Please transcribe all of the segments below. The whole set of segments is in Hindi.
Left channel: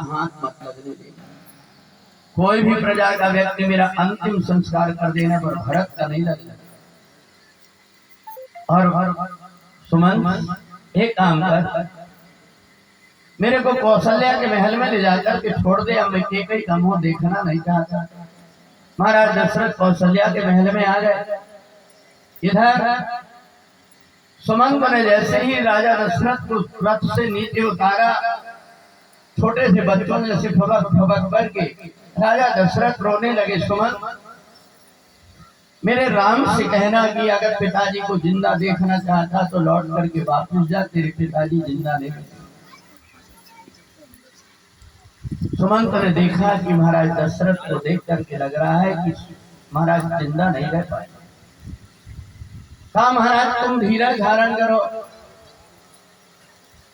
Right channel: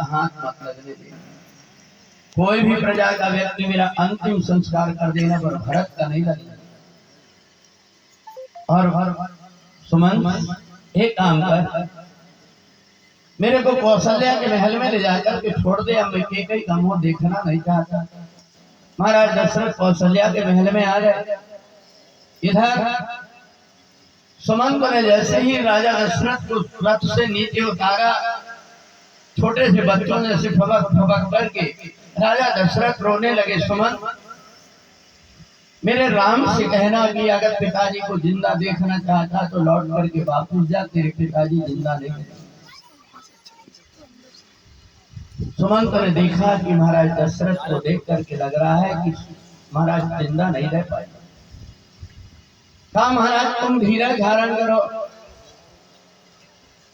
का हाथ मत लगने देना। कोई भी प्रजा का व्यक्ति मेरा अंतिम संस्कार कर देने पर भरत का नहीं लगेगा। और सुमन एक काम कर, मेरे को कौशल्या के महल में ले जाकर के छोड़ दे। अब मैं केकई का मुंह देखना नहीं चाहता। महाराज दशरथ कौशल्या के महल में आ गए। इधर सुमंत ने जैसे ही राजा दशरथ को रथ से नीचे उतारा, छोटे से बच्चों ने से फबक फबक करके राजा दशरथ रोने लगे। सुमंत, मेरे राम से कहना कि अगर पिताजी को जिंदा देखना चाहता तो लौट करके वापस जा, तेरे पिताजी जिंदा नहीं। सुमंत ने देखा कि महाराज दशरथ को देख करके लग रहा है कि महाराज जिंदा नहीं रह पाए। कहा महाराज तुम धीरज धारण करो।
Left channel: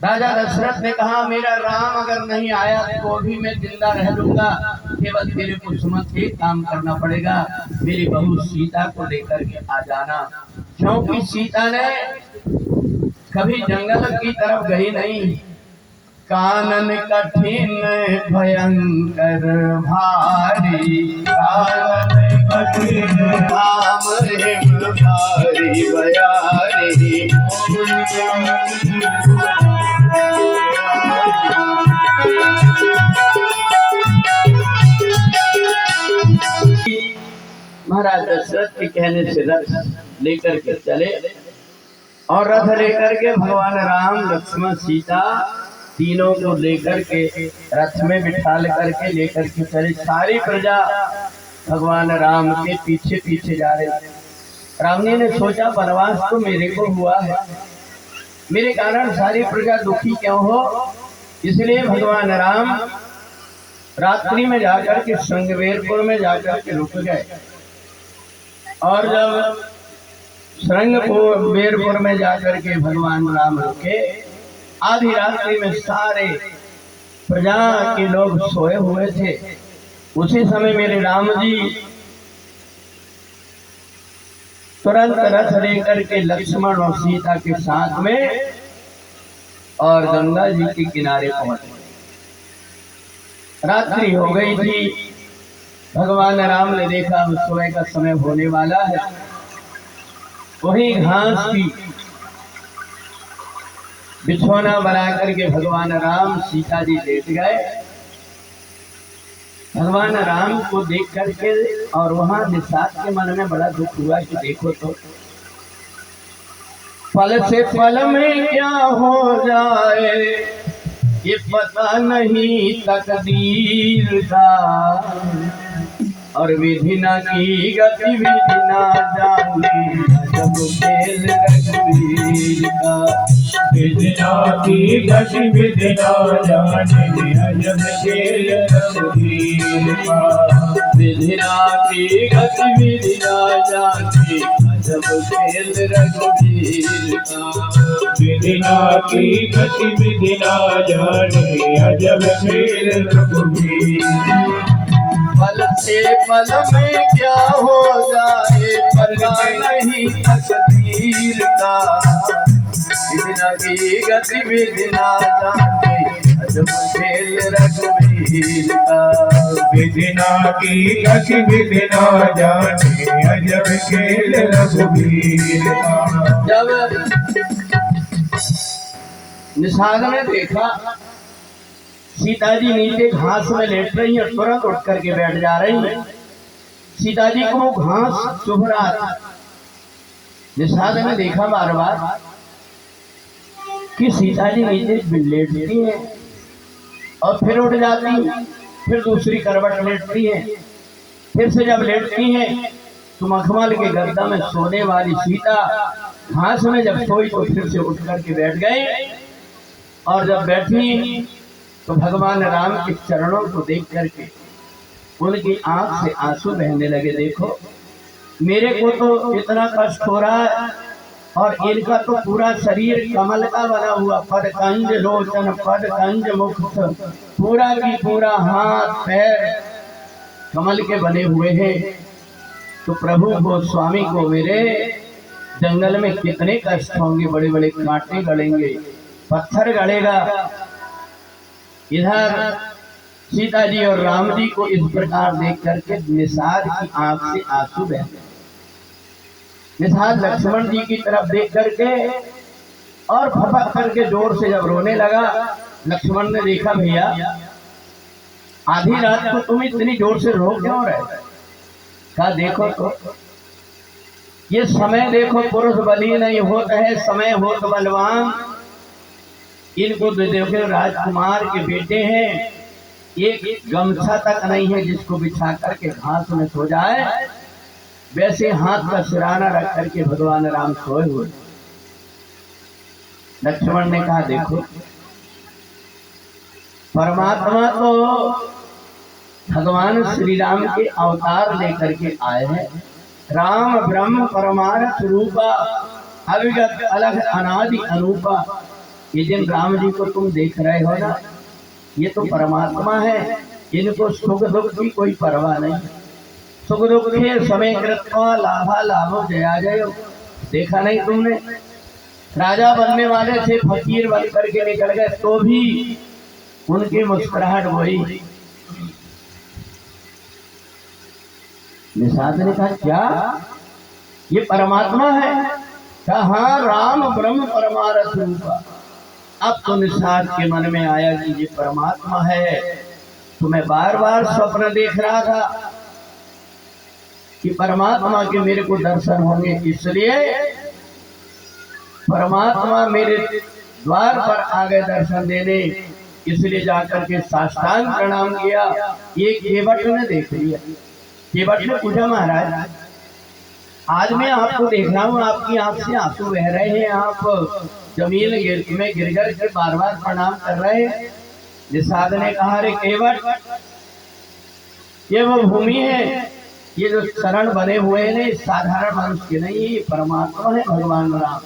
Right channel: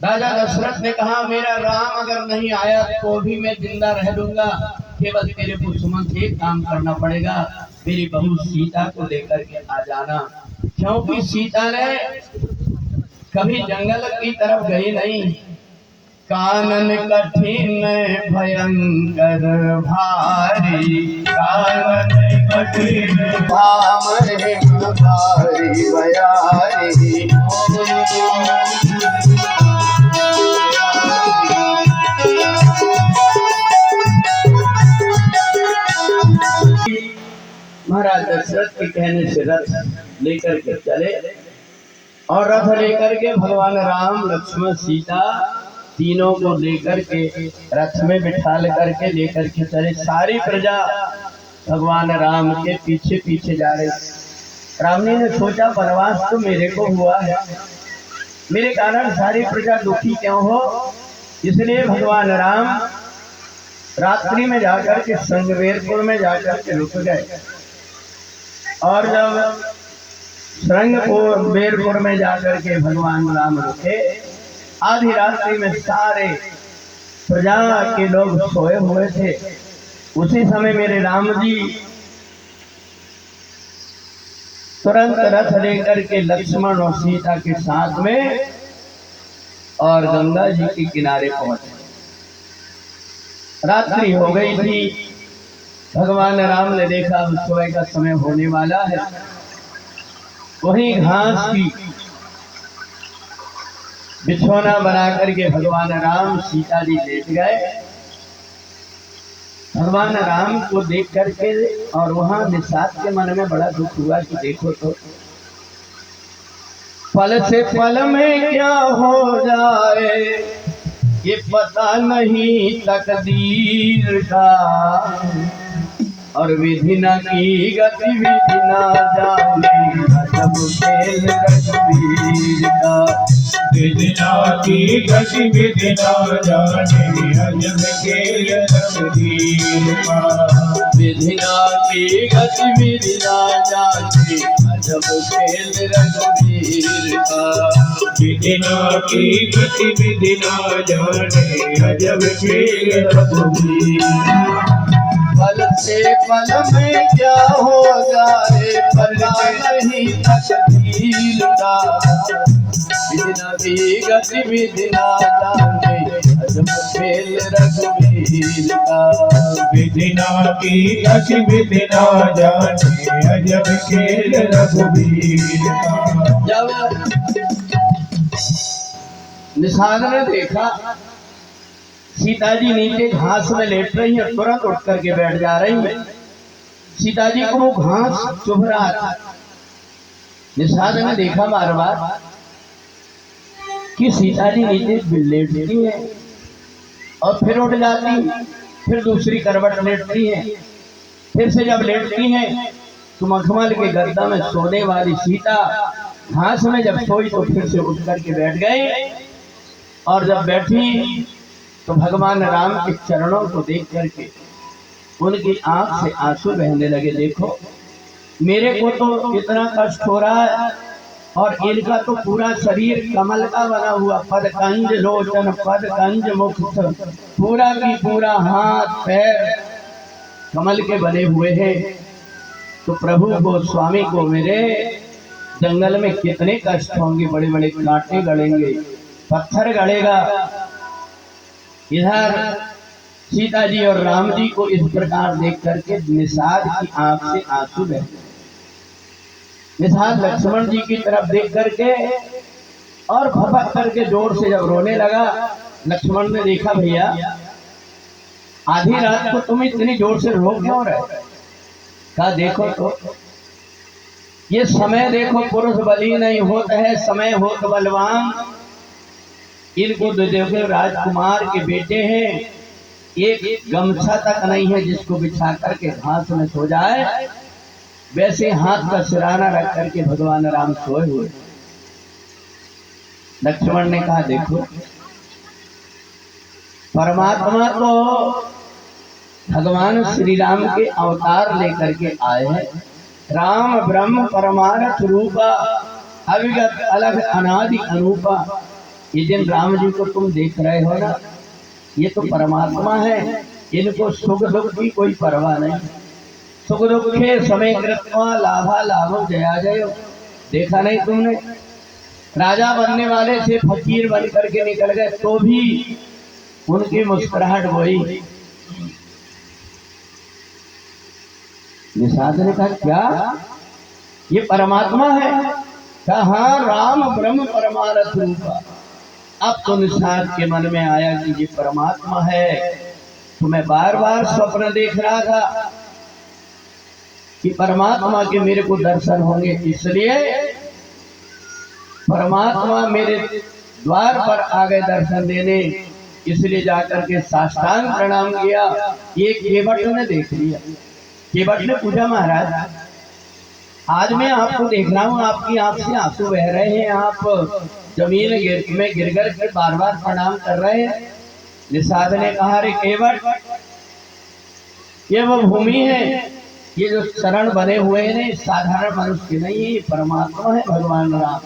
राजा दशरथ ने कहा मेरा राम अगर नहीं आया तो भी मैं जिंदा रह लूंगा, केवल तेरे को सुमंत एक काम करना पड़ेगा, मेरी बहू सीता को लेकर के आ जाना। क्योंकि सीता ने कभी जंगल की तरफ गई नहीं। कानन कठिन भयंकर भारी, कानन कठिन भाम भारी बयारी। महाराज दशरथ के कहने से रथ लेकर के चले और रथ लेकर के भगवान राम लक्ष्मण सीता तीनों को लेकर के रथ में बिठाल करके लेकर के चले। सारी प्रजा भगवान राम के पीछे पीछे जा रही। राम जी ने सोचा वनवास तो मेरे को हुआ है, मेरे कारण सारी प्रजा दुखी क्यों हो, इसलिए भगवान राम रात्रि में जाकर के श्रृंगवेरपुर में जाकर के रुक गए। और जब श्रृंगवेरपुर में जाकर के भगवान राम रुके, आधी रात्रि में सारे प्रजा के लोग सोए हुए थे। उसी समय मेरे राम जी तुरंत रथ लेकर के लक्ष्मण और सीता के साथ में और गंगा जी के किनारे पहुंचे। रात्रि हो गई थी। भगवान राम ने देखा सुबह का समय होने वाला है। वही घास की बिछौना बना करके भगवान राम सीता जी लेट गए। भगवान राम को देख करके और वहां निषाद के मन में बड़ा दुख हुआ कि देखो तो फल से फल में क्या हो जाए ये पता नहीं तकदीर का, और विधि न की गति विधि न जाने जब खेल रघुवीर का। विधि न की गति विधि न जाने अजब खेल रघुवीर का। विधि न की गति विधि न जाने अजब खेल रघुवीर का। विधि न की गति विधि न जाने अजब खेल रघुवीर। फल से फल में क्या हो जाए पता नहीं तकदीर का। विधि न की गति विधि न जाने अजब खेल रघुवीर का। विधि न की गति विधि न जाने अजब खेल रघुवीर का। जब निषाद ने देखा सीता जी नीचे घास में लेट रही है, तुरंत उठ करके बैठ जा रही है। सीता जी को वो घास चुभ रहा था। निषाद ने देखा बार बार कि सीता जी नीचे लेटती है और फिर उठ जाती, फिर दूसरी करवट लेटती है, फिर से जब लेटती है तो मखमल के गद्दा में सोने वाली सीता घास में जब सोई तो फिर से उठ करके बैठ गई। और जब बैठी तो भगवान राम के चरणों को देख करके उनकी आंख से आंसू बहने लगे। देखो मेरे को तो इतना कष्ट हो रहा है और इनका तो पूरा शरीर कमल का बना हुआ, पद कंज लोचन पद कंज मुख, पूरा की पूरा हाथ पैर कमल के बने हुए हैं। तो प्रभु को स्वामी को मेरे जंगल में कितने कष्ट होंगे, बड़े बड़े कांटे गड़ेंगे, पत्थर गड़ेगा। इधर सीता जी और राम जी को इस प्रकार देख करके निषाद की आंख से आंसू बहते। निषाद लक्ष्मण जी की तरफ देख करके और फपक करके जोर से जब रोने लगा, लक्ष्मण ने देखा भैया आधी रात को तुम इतनी जोर से रो क्यों रहे? कहा देखो तो ये समय देखो, पुरुष बली नहीं होता है, समय होत बलवान। इनको देखो राजकुमार के बेटे हैं, एक गमछा तक नहीं है जिसको बिछा करके घास में सो जाए, वैसे हाथ का सिराना रख करके भगवान राम सोए हुए। लक्ष्मण ने कहा देखो परमात्मा तो भगवान श्री राम के अवतार लेकर के आए हैं। राम ब्रह्म परमार्थ रूपा, अविगत अलग अनादि अनूपा। ये जिन राम जी को तुम देख रहे हो ना, ये तो परमात्मा है, इनको सुख दुख की कोई परवाह नहीं। सुख दुखे समय कृत्वा लाभा लाभो जया जयो। देखा नहीं तुमने, राजा बनने वाले थे, फकीर बन करके निकल गए तो भी उनकी मुस्कुराहट वही। निषाद ने कहा क्या ये परमात्मा है? कहा हाँ, राम ब्रह्म परमार्थ रूपा। अब तो निषाद के मन में आया कि ये परमात्मा है। तो मैं बार बार स्वप्न देख रहा था कि परमात्मा के मेरे को दर्शन होंगे, इसलिए परमात्मा मेरे द्वार पर आ गए दर्शन देने, इसलिए जाकर के साष्टांग प्रणाम किया। ये केवट ने देख लिया। केवट ने पूछा महाराज आज मैं आपको देख रहा हूँ, आपकी आंख से आंसू बह रहे हैं, आप जमीन में गिर गिर के बार बार प्रणाम कर रहे हैं। निषाद ने कहा अरे केवट, ये वो भूमि है, ये जो शरण बने हुए हैं साधारण मनुष्य के नहीं, ये परमात्मा है भगवान राम।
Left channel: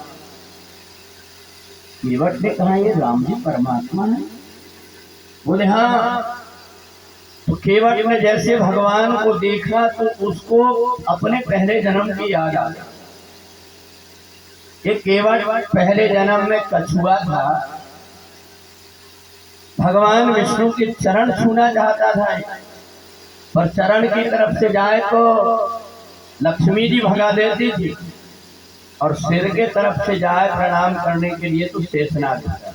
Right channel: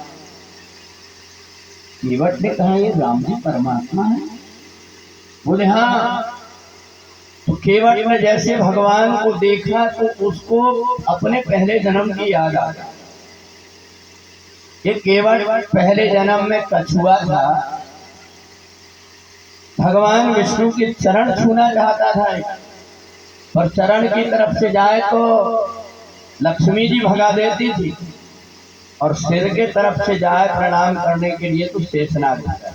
केवट ने कहा ये राम जी परमात्मा है? बोले हाँ। तो केवट ने जैसे भगवान को देखा तो उसको अपने पहले जन्म की याद आ गई। ये केवट पहले जन्म में कछुआ था, भगवान विष्णु के चरण छूना चाहता था, पर चरण की तरफ से जाए तो लक्ष्मी जी भगा देती थी, और सिर के तरफ से जाए प्रणाम करने के लिए तो शेषनाग था।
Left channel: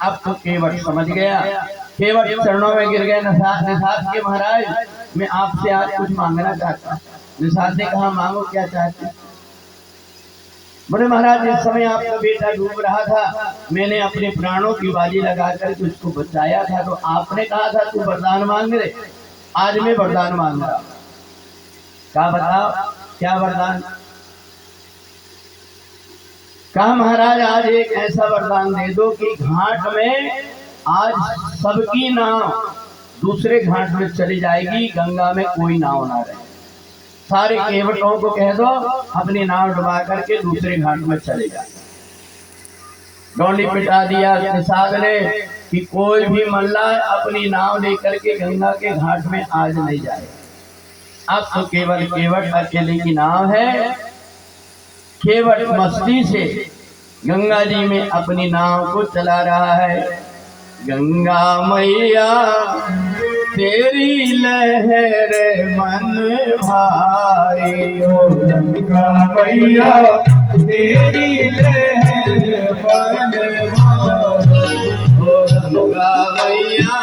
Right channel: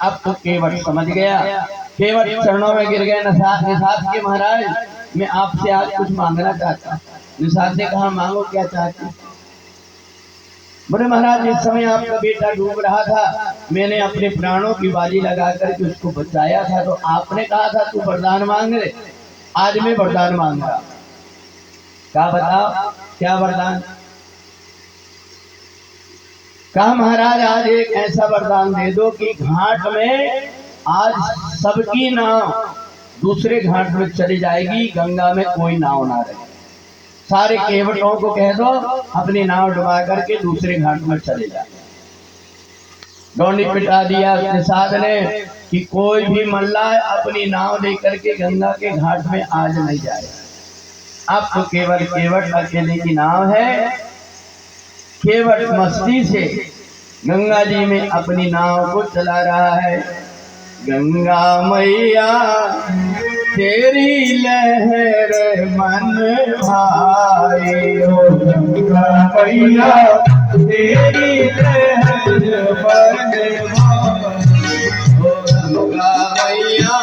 अब तो केवट समझ गया, केवट चरणों में गिर गए। निषाद के महाराज मैं आपसे आज कुछ मांगना चाहता। निषाद ने कहा मांगो, क्या चाहते? बोले महाराज इस समय आपका बेटा डूब रहा था, मैंने अपने प्राणों की बाजी लगा करके उसको बचाया था, तो आपने कहा था तू वरदान मांग ले, आज मैं वरदान मांग रहा। क्या बताओ क्या वरदान? कहा महाराज आज एक ऐसा वरदान दे दो कि घाट में आज सबकी नाव दूसरे घाट में चली जाएगी, गंगा में कोई नाव ना रहे। सारे केवटों को कह दो अपनी नाव डुबा करके दूसरे घाट में चले जाए। डोंडी पिटा दिया निषाद ने कि कोई भी मल्ला अपनी नाव लेकर के गंगा के घाट में आज नहीं जाएगा। अब तो केवल केवट अकेले की नाव है। केवट मस्ती से गंगा जी में अपनी नाव को चला रहा है। गंगा मैया तेरी लहर मन भाई, ओ गंगा मैया तेरी लहर मन भाई, ओ गंगा मैया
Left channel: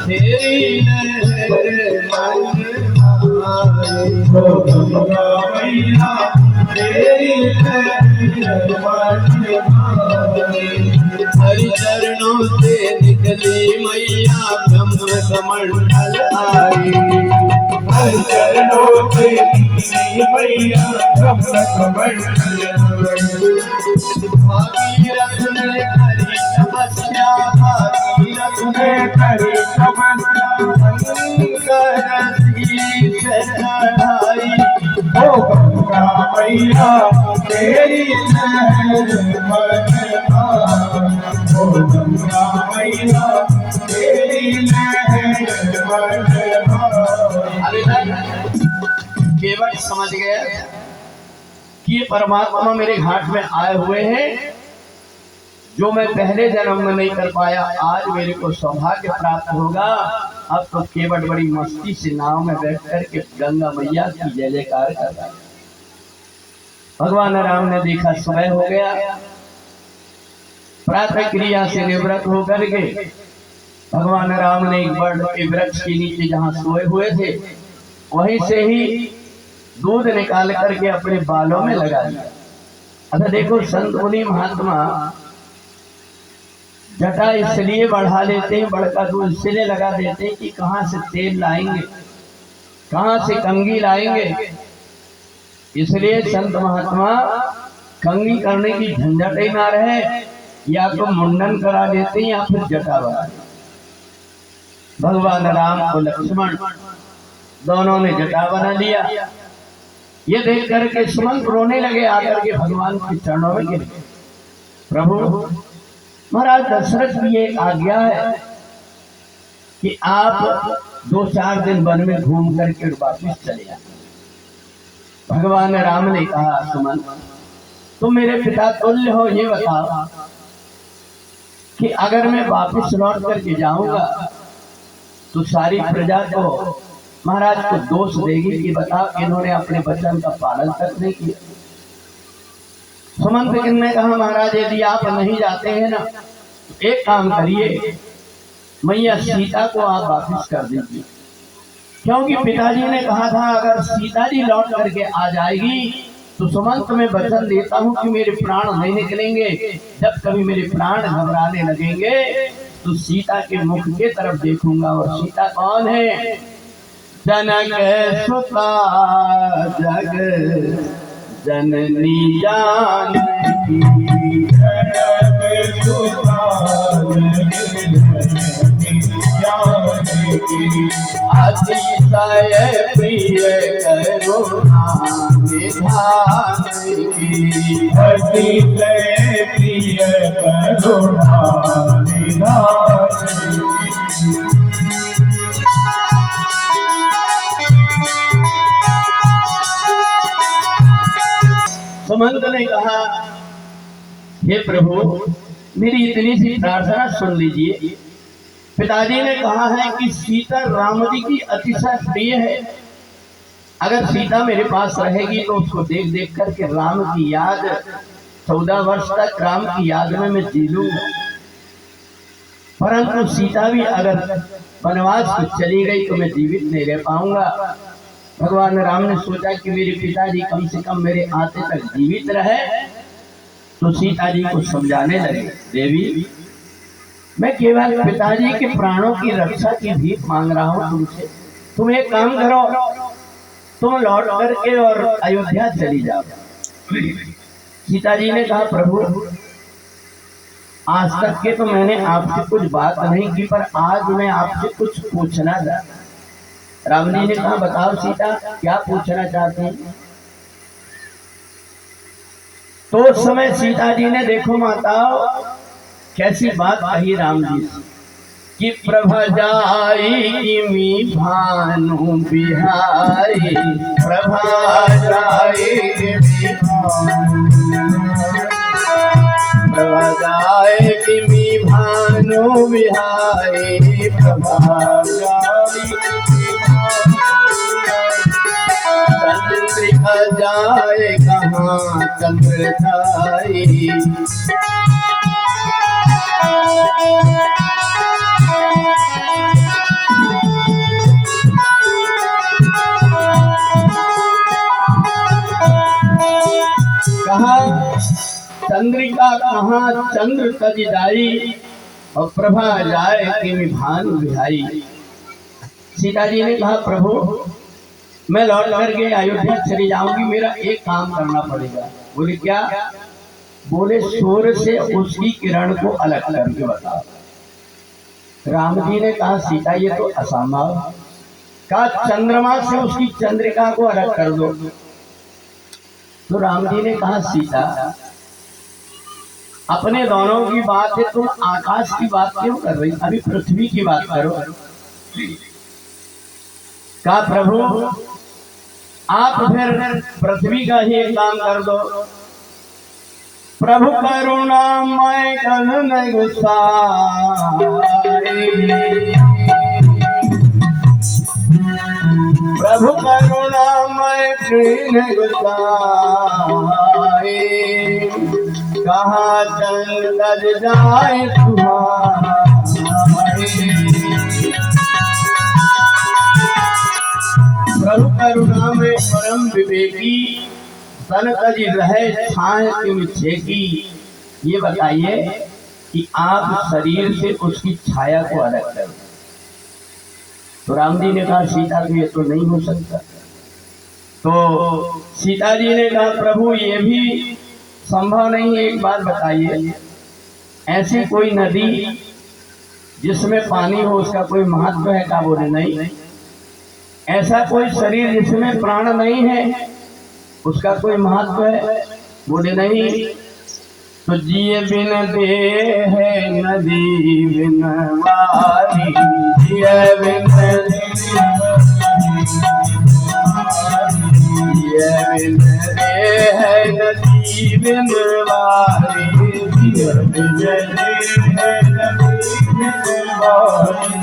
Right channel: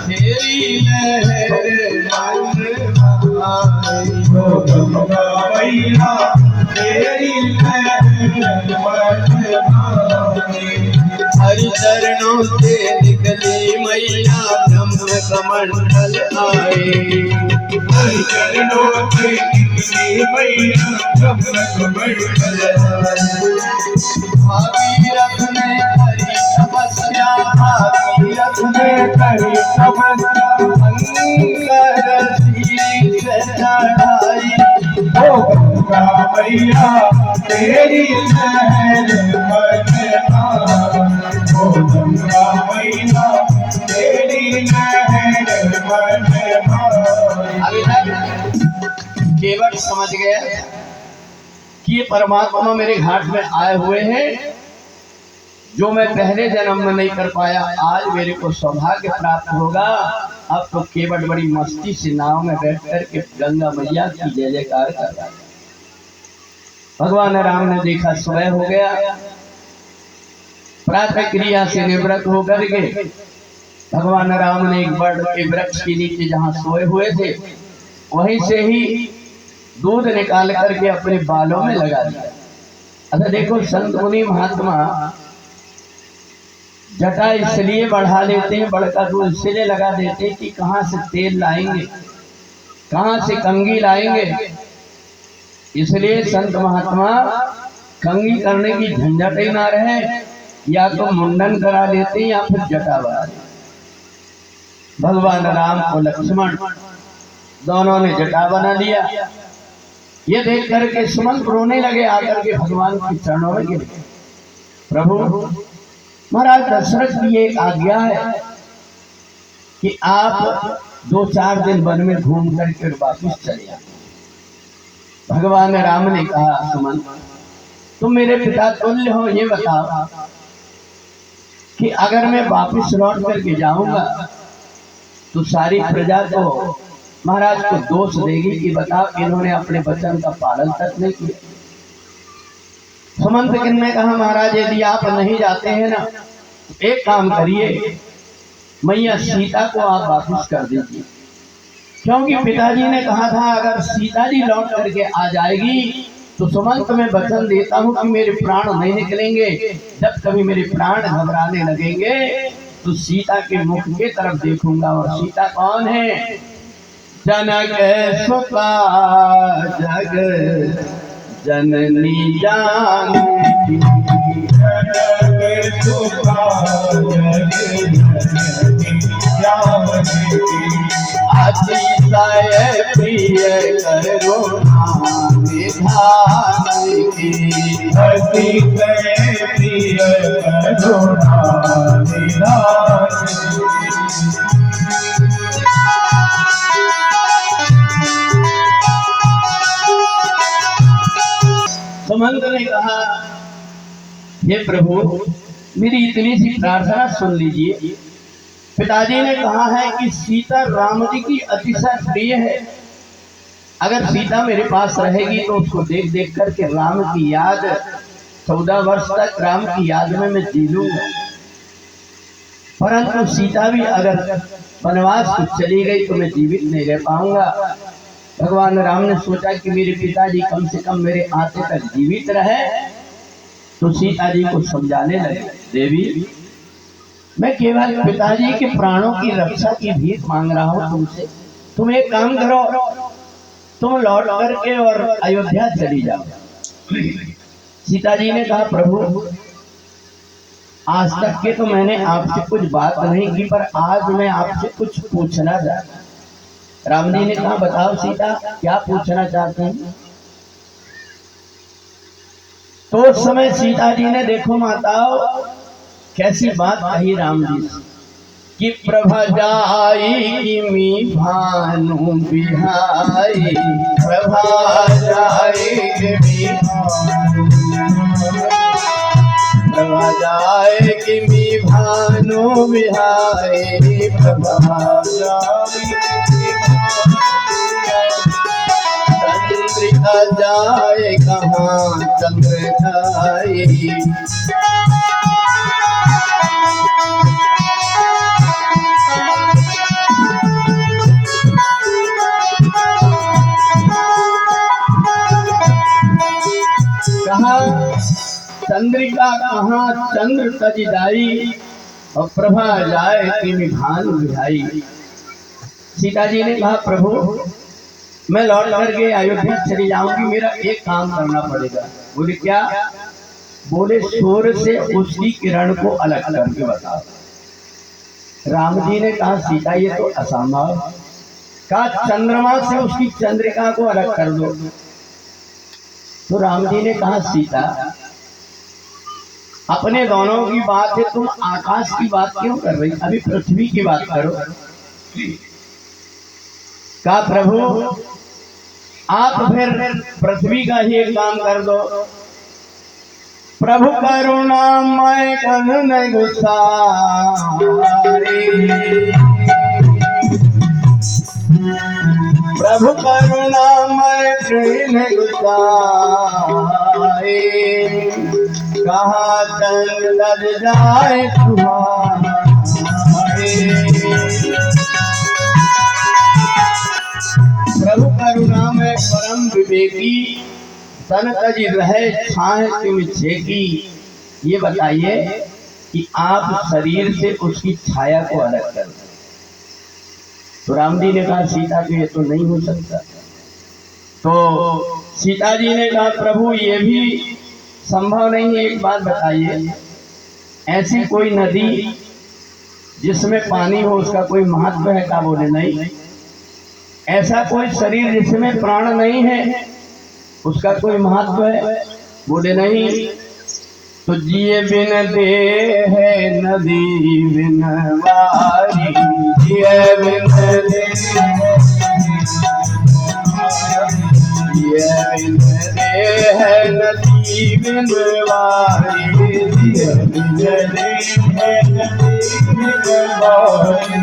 तेरी लहर मन भाई, ओ गंगा मैया तेरी लहर मन भाई। हरि चरणों से निकली मैया ब्रह्म कमंडल आई, हरि चरणों से निकली मैया ब्रह्म कमंडल आई। भागीरथ ने हरि तपस्या, भागीरथ ने हरि तपस्या, शंकर शीश चढ़ाई, ओ गंगा मैया तेरी लहर मन भाई, ओ गंगा मैया तेरी लहर मन भाई। केवट समझ गया कि ये परमात्मा मेरे घाट में आए हुए हैं। जो मैं पहले जन्म में नहीं कर पाया, आज मेरे को सौभाग्य प्राप्त होगा। अब तो केवट बड़ी मस्ती से नाव में बैठ करके गंगा मैया की जय जयकार कर रहा है। भगवान राम ने देखा समय हो गया, प्रातः क्रिया से निवृत्त होकर के भगवान राम ने एक बड़ के वृक्ष के नीचे जहाँ सोए हुए थे, वहीं से ही दूध निकाल करके अपने बालों में लगा दिया। अच्छा देखो, संत मुनि महात्मा जटा इसलिए बढ़ा लेते हैं, बड़का दूध इसलिए लगा देते हैं कि कहाँ से तेल लाएंगे, कहाँ से कंघी लाएंगे। इसलिए संत महात्मा कंघी करने की झंझट ही ना रहे, या तो मुंडन करा लेते हैं या फिर जटा बढ़ा देते। भगवान राम और लक्ष्मण दोनों ने जटा बना लिया। ये देख करके सुमंत रोने लगे, आकर के भगवान के चरणों में गिर गए। प्रभु, महाराज दशरथ की ये आज्ञा है कि आप 2-4 दिन वन में घूम करके वापिस चले जाए। भगवान राम ने कहा, सुमंत तुम मेरे पिता तुल्य हो, ये बताओ कि अगर मैं वापिस लौट करके जाऊंगा तो सारी प्रजा को महाराज को दोष देगी कि बताओ इन्होंने अपने वचन का पालन तक नहीं किया। सुमंत ने कहा, महाराज यदि आप नहीं जाते हैं ना, एक काम करिए, मैया सीता को आप वापिस कर दीजिए, क्योंकि पिताजी ने कहा था अगर सीता जी लौट करके आ जाएगी तो सुमंत मैं वचन देता हूँ कि मेरे प्राण नहीं निकलेंगे। जब कभी मेरे प्राण घबराने लगेंगे तो सीता के मुख के तरफ देखूंगा। और सीता कौन है? जनक सुता जग जननी जानकी, जनक सुता जग जननी जानकी, अतिशय प्रिय करुणा निधान की, अतिशय प्रिय करुणा निधान की। सुमंत ने कहा, हे प्रभु मेरी इतनी सी प्रार्थना सुन लीजिए। पिताजी ने कहा है कि सीता राम जी की अतिशय प्रिय है, अगर सीता मेरे पास रहेगी तो उसको देख देख करके राम की याद 14 वर्ष तक राम की याद में मैं जी लूंगा। परंतु सीता भी अगर वनवास को चली गई तो मैं जीवित नहीं रह पाऊंगा। भगवान राम ने सोचा कि मेरे पिताजी कम से कम मेरे आते तक जीवित रहे, तो सीता जी को समझाने लगे, देवी मैं केवल पिताजी के प्राणों की रक्षा की भीख मांग रहा हूँ तुमसे। तुम एक काम करो, तुम लौट करके और अयोध्या चली जाओ। सीता जी ने कहा, प्रभु आज तक के तो मैंने आपसे कुछ बात नहीं की, पर आज मैं आपसे कुछ पूछना चाहता। राम जी ने कहा, बताओ सीता क्या पूछना चाहते हैं। तो उस समय सीता जी ने, देखो माताओ कैसी बात कही राम जी से, कि प्रभा जाई किमी भानु बिहारी, प्रभा जाई किमी प्रभा जाए किमी भानु बिहारी, प्रभा जाई चंद्रिका जाए कहाँ चंद्रधाई। चंद्रिका कहाँ चंद्र तज जाई, और प्रभा जाए किमी भानु बिहाई। सीता जी ने कहा, प्रभु मैं लौट करके अयोध्या चली जाऊंगी, मेरा एक काम करना पड़ेगा। बोले क्या? बोले सूर्य से उसकी किरण को अलग करके बताओ। राम जी ने कहा, सीता ये तो असंभव। कहा चंद्रमा से उसकी चंद्रिका को अलग कर दो। तो राम जी ने कहा, सीता अपने दोनों की बात है, तुम आकाश की बात क्यों कर रही? अभी पृथ्वी की बात करो। कहा प्रभु आप फिर पृथ्वी का ही एक काम कर दो, प्रभु करुणामय करुण गुसाए, प्रभु करुणामय कृष्ण गुसाए, कहाँ तंग लग जाए तुम्हारे। प्रभु करुणामय परम विवेकी तन तजी रहे छाए तिम छेकी। ये बताइए कि आप शरीर से उसकी छाया को अलग कर दो। तो राम जी ने कहा सीता तो ये तो नहीं हो सकता। तो सीता जी ने कहा प्रभु ये भी संभव नहीं है। एक बात बताइए, ऐसी कोई नदी जिसमें पानी हो उसका कोई महत्व है का? बोले नहीं। ऐसा कोई शरीर जिसमें प्राण नहीं है उसका कोई महत्व है? बोले नहीं। तो जिए बिन दे है नदी बिन वारी, जिए बिन दे बिन दे है नदी बिन वारी, जिए बिन दे है नदी बिन वारी,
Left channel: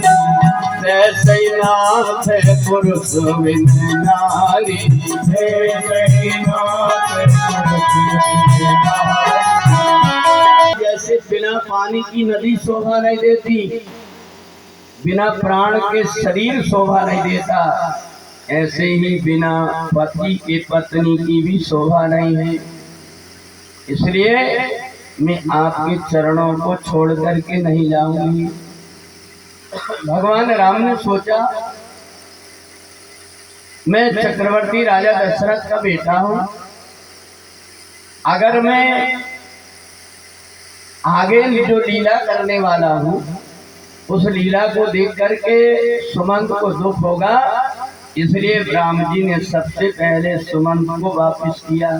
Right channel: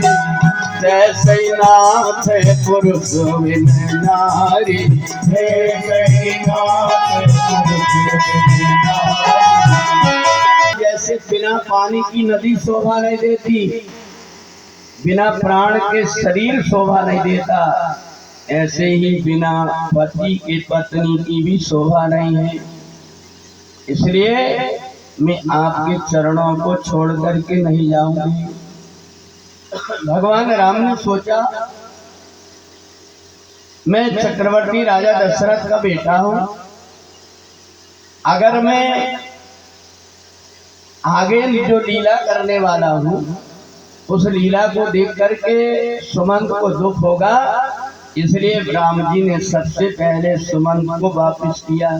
जैसे नाथ पुरुष बिन नारी, जैसे बिना पानी की नदी शोभा नहीं देती, बिना प्राण के शरीर शोभा नहीं देता, ऐसे ही बिना पति के पत्नी की भी शोभा नहीं है। इसलिए मैं आपके चरणों को छोड़ करके नहीं जाऊंगी। भगवान राम ने सोचा मैं चक्रवर्ती राजा दशरथ का बेटा हूं, अगर मैं आगे जो लीला करने वाला हूं उस लीला को देख करके सुमंत को दुख होगा, इसलिए राम जी ने सबसे पहले सुमंत को वापिस किया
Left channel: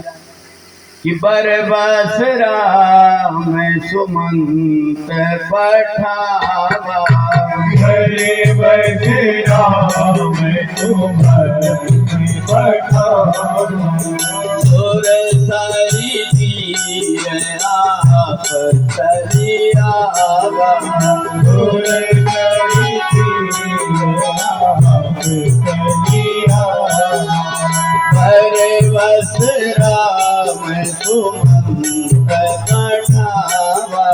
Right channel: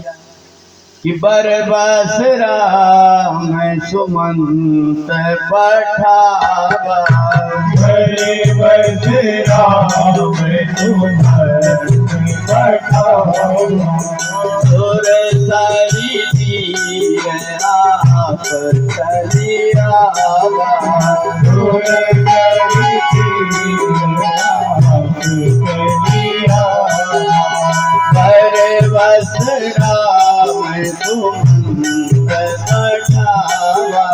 कि बरबस राम सुमंत पठावा, बरबस राम सुमंत पठावा, सुर सारी तीर आप चलियावा, सुर सारी तीर आप चलियावा, बरबस राम सुमंत पठावा,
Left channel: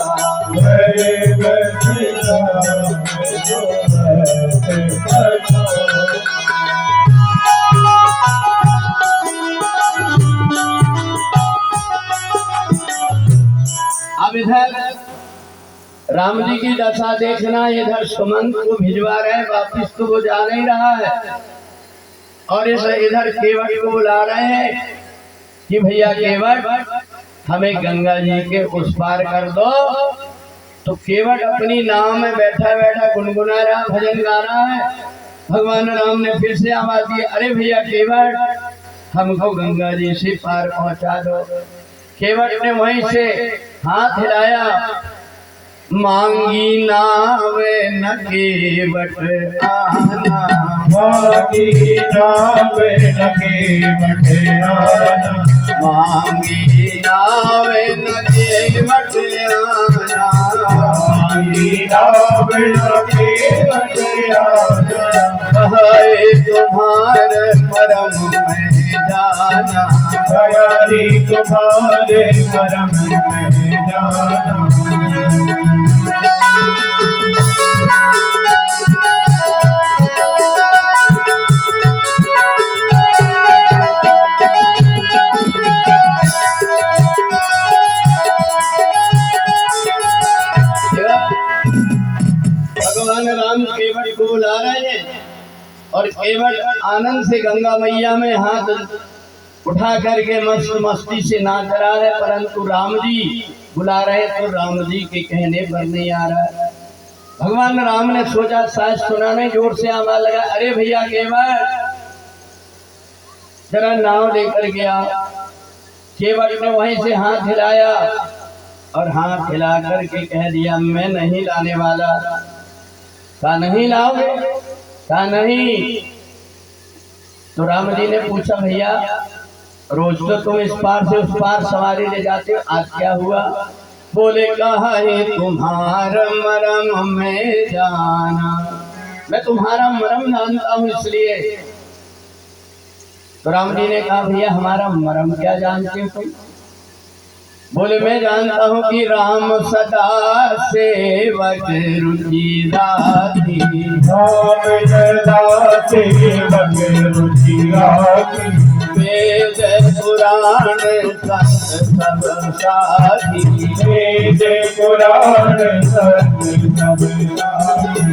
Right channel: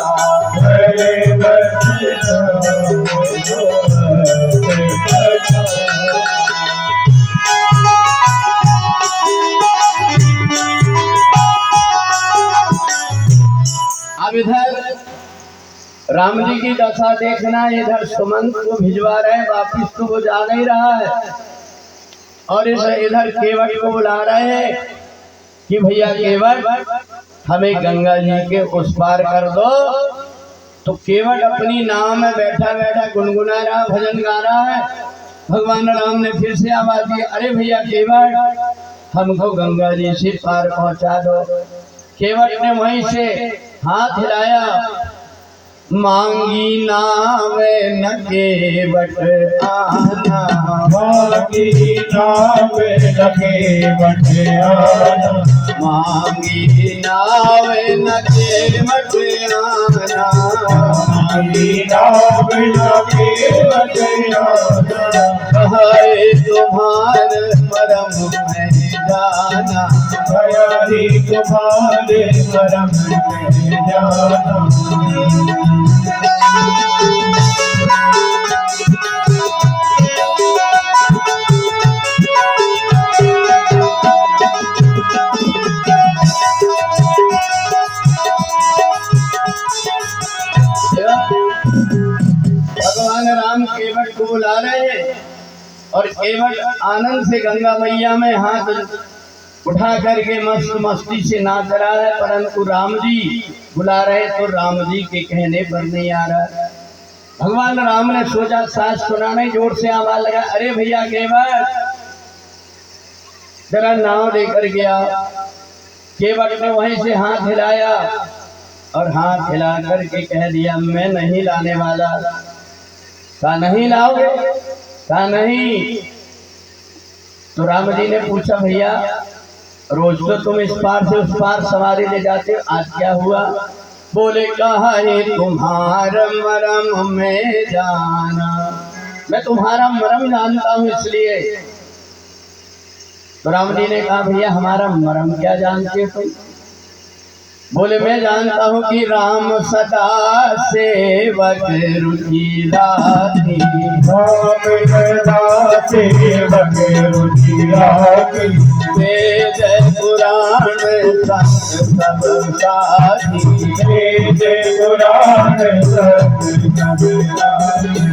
बरबस राम सुमंत पठावा। अब इधर राम जी की दशा देखना, इधर सुमंत को भिजवा रहे, वापिस तो वो जा नहीं रहा है, और इधर केवट को बुला रहे हैं कि भैया केवट हमें गंगा जी के उस पार कर दो। तो केवट अपनी नाव में बैठा बैठा गुनगुना रहा, भजन गा रहा है। भगवान राम ने फिर से आवाज दी, अरे भैया केवट हमको गंगा जी से पार पहुंचा दो। केवट ने वहीं से हाथ हिलाया, मांगी नावे न केवट आना, मांगी नावे न केवट आना, मांगी नावे न केवट आना, मांगी नावे न केवट आना, कहे तुम्हारे परम में जाना, दयारी तुम्हारे परम में जाना। भगवान राम केवट को बुला रहे हैं और केवट आनंद से गंगा मैया में हाथ उठा करके मस्त मस्ती से नाच रहा है, परंतु राम जी बुला रहे तो राम जी के कहने पर नहीं आ रहा। भगवान राम ने सोचा सास सुनाने, जोर से आवाज लगा, अरे भैया केवट जरा नाव लेकर गया। केवट ने वहीं से हाथ हिलाया और हाथ हिला करके कह दिया मैं नहीं लाने वाला। कहा नहीं लाओगे? कहा नहीं। तो राम जी ने पूछा भैया रोज तो तुम इस पार से उस पार सवारी ले जाते हो, आज क्या हुआ? बोले कहा है तुम्हारा मरम में जाना, मैं तुम्हारा मरम जानता हूँ इसलिए। तो राम जी ने कहा भैया हमारा मरम क्या जानते हो कोई? बोले मैं जानता हूँ कि राम सदा सेवक रुचि राखी, राम सदा सेवक रुचि राखी, वेद पुराण संत सब साथी, वेद पुराण संत सब साथी।